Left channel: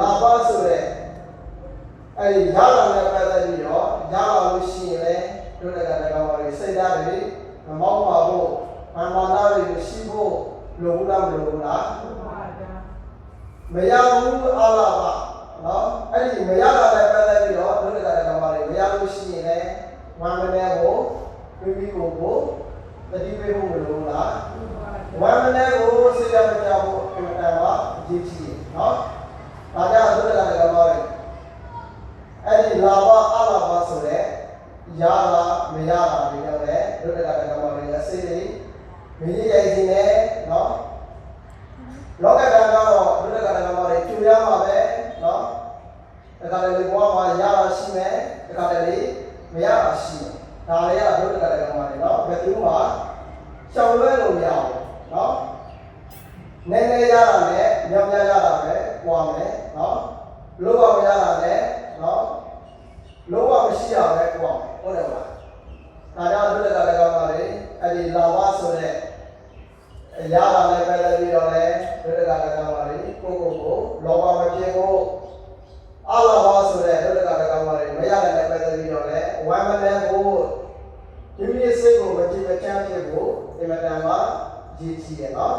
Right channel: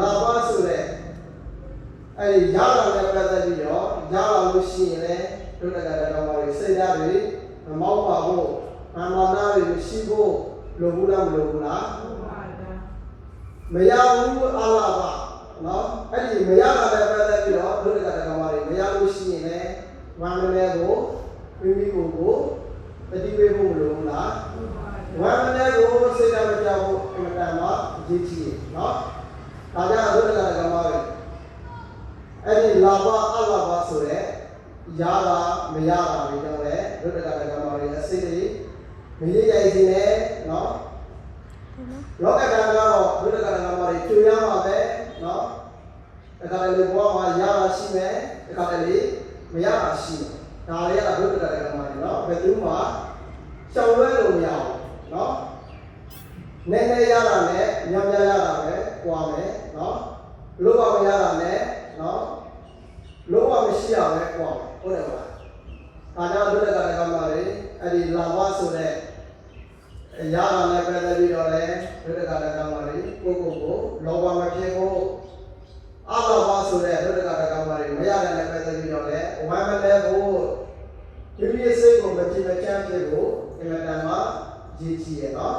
လာပါဆိုတဲ့အဲ့ဒီရလာတဲ့ပတ်သက်ပြီးတော့ရလာလို့ရှိရင်လည်းတို့တက္ကသိုလ်ကောင်ပါလေစိတ်ဓာတ်တွေမောင်းပါဖို့မာနတွေရှိဖို့လိုဘူးလားမလိုဘူးလားမရဘူးအလားပါနော်အဲ့ဒီမရလာတဲ့ပတ်သက်ပြီးတော့တို့တက္ကသိုလ်ကောင်ပါလေမရလို့ရှိရင်လည်းဝမ်းမလဲကိုမိမိကိုတတိဝေဖို့မလိုဘူးလားဝမ်းမလဲကိုစိတ်ဓာတ်မကြဖို့အမှန်တမ်းမှာအရေးကြီးတယ်နော်ဒါကြောင့်တို့တက္ကသိုလ်ကောင်ပါလေအဲ့ဒီလာဘအလာဘဆိုတဲ့ရလာမရလာတွေတော့လေတို့တက္ကသိုလ်ကောင်ပါလေအစစ်တွေမရရည်ခြင်းနဲ့နော်လောကဓာတ်ကတော့တို့တက္ကသိုလ်ကောင်ပါလေကျူရမှာပဲနော်တက္ကသိုလ်ဘဝမှာရလာရှိမယ်တက္ကသိုလ်မရလာရှိမယ်ဒါလေးကတို့တက္ကသိုလ်ကောင်ပါလေနော်ဘယ်သူမှရှောင်လွဲလို့မရဘူးနော်နည်းနည်းရတာနဲ့များများရတာပဲပွားမယ်နော်လောကမရတာနဲ့နော်လောကမရှိရပဲပွားမယ်ဟုတ်တယ်မလားဒါကြောင့်တို့တက္ကသိုလ်ကောင်ပါလေအဲ့ဒီလာဝဆိုတဲ့ရတာနဲ့ပဲပြီးတော့လေတို့တက္ကသိုလ်ကောင်ပါလေကိုလောဘမဖြစ်ဖို့အလာဘဆိုတဲ့တို့တက္ကသိုလ်ကောင်ပါလေမရတဲ့နဲ့ပဲပြီးတော့လေဝမ်းမလဲဖို့ဒီလိုစိတ်ကိုမကြည်မချမ်းဖြစ်ဖို့အမှန်တမ်းမှာရည်ကြည်ရနော်